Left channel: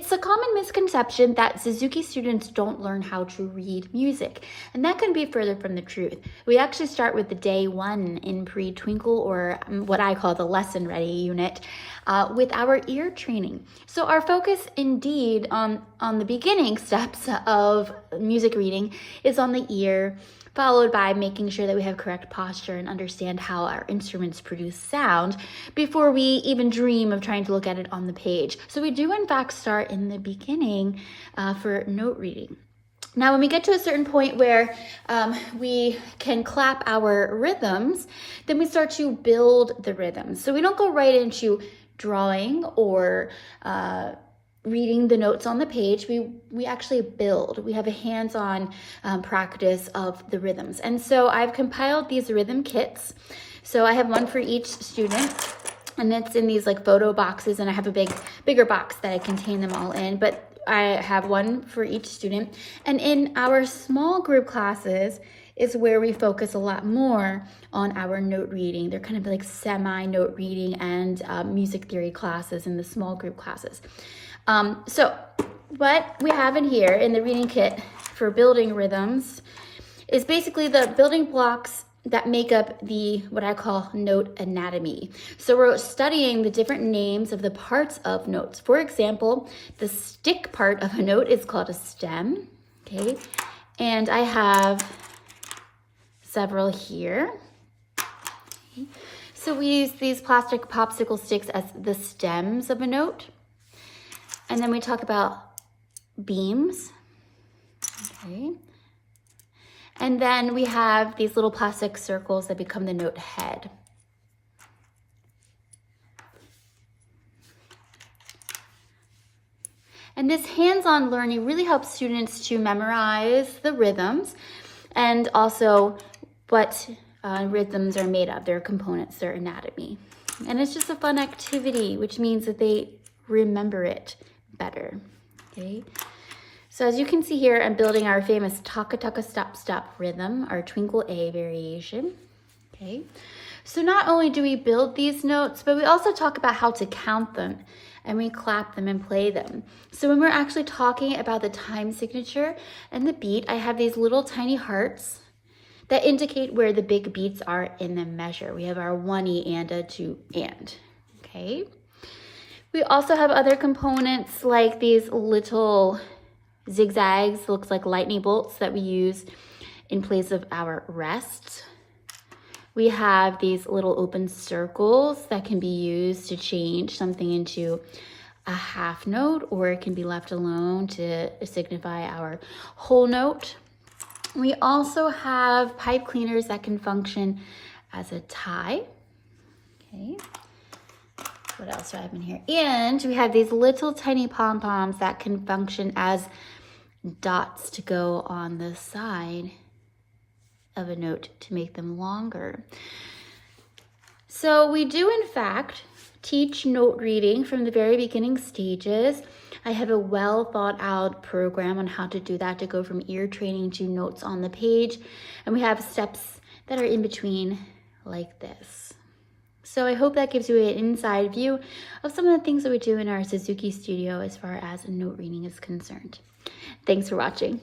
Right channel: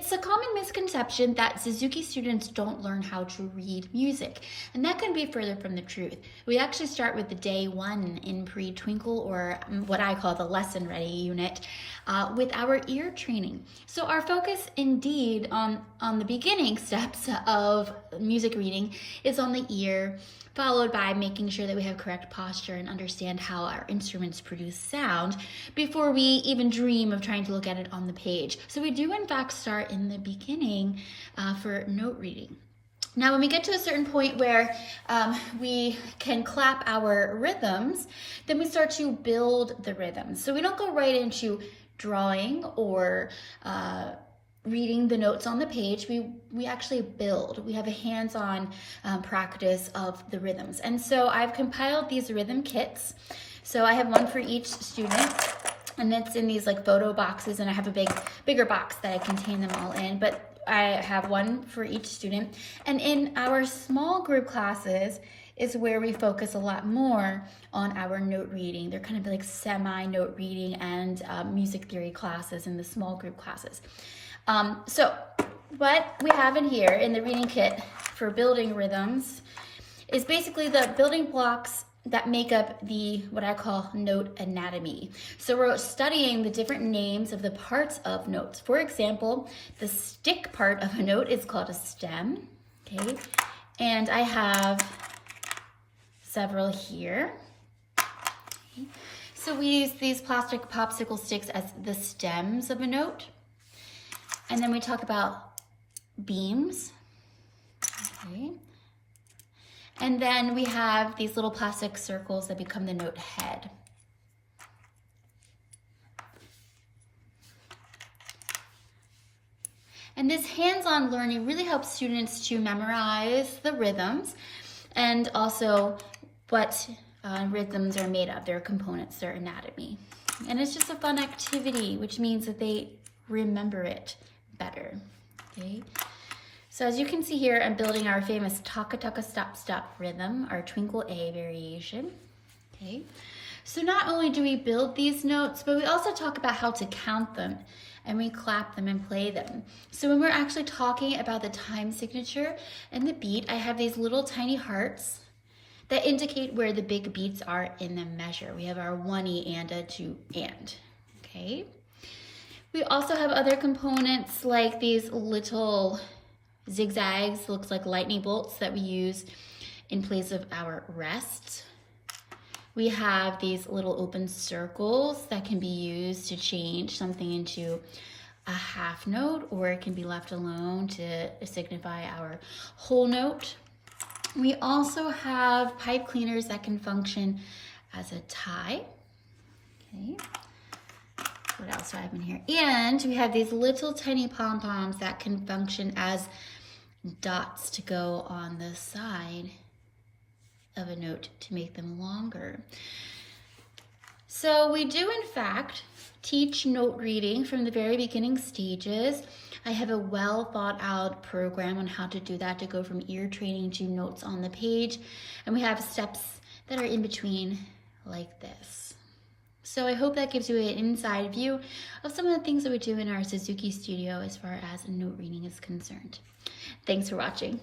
It's a common misconception that Suzuki students don't learn how to read music, and that can be further from the truth. We actually start with the day one in pre-twinkle, or what I call the lesson ready unit, with our ear training. So our focus indeed on the beginning steps of music reading is on the ear, followed by making sure that we have correct posture and understand how our instruments produce sound before we even dream of trying to look at it on the page. So we do in fact start in the beginning for note reading. Now, when we get to a certain point where we can clap our rhythms, then we start to build the rhythms. So we don't go right into drawing or reading the notes on the page. We actually build. We have a hands-on practice of the rhythms. And so I've compiled these rhythm kits. So I have one for each student, and it's in these like photo boxes, and I have a bigger box that I contain them all in, but I have one for each student. And in our small group classes is where we focus a lot more on our note reading. They're kind of like semi-note reading and music theory classes in the small group classes. So what we have in here in the reading kit for building rhythms is basically the building blocks that make up what I call note anatomy. So we're studying the different names of the parts of notes. For example, the stick part of a note is called a stem, okay? And I have several here. Okay. So we use these plastic popsicle sticks as the stems of a note. And then we talk about beams, okay? And then we have these little plastic circles that become the note head. And this hands-on learning really helps students to memorize the rhythms and also what rhythms are made of, their components, their anatomy. And it's just a fun activity, which means that they remember it better, okay? So as you can see here, I'm building our famous taka taka stop stop rhythm, our twinkle A variation, okay? So not only do we build these notes, but we also talk about how to count them, and we clap them and play them. So when we're actually talking about the time signature and the beat, I have these little tiny hearts that indicate where the big beats are in the measure. We have our 1E and a 2 and, okay? We also have other components like these little zigzags, looks like lightning bolts that we use in place of our rest. We have these little open circles that can be used to change something into a half note, or it can be left alone to signify our whole note. We also have pipe cleaners that can function as a tie, okay? What else do I have in here? And we have these little tiny pom-poms that can function as dots to go on the side of a note to make them longer. So we do in fact teach note reading from the very beginning stages. I have a well thought out program on how to do that, to go from ear training to notes on the page. And we have steps that are in between like this. So I hope that gives you an inside view of some of the things that we do in our Suzuki studio as far as note reading is concerned. Thanks for watching.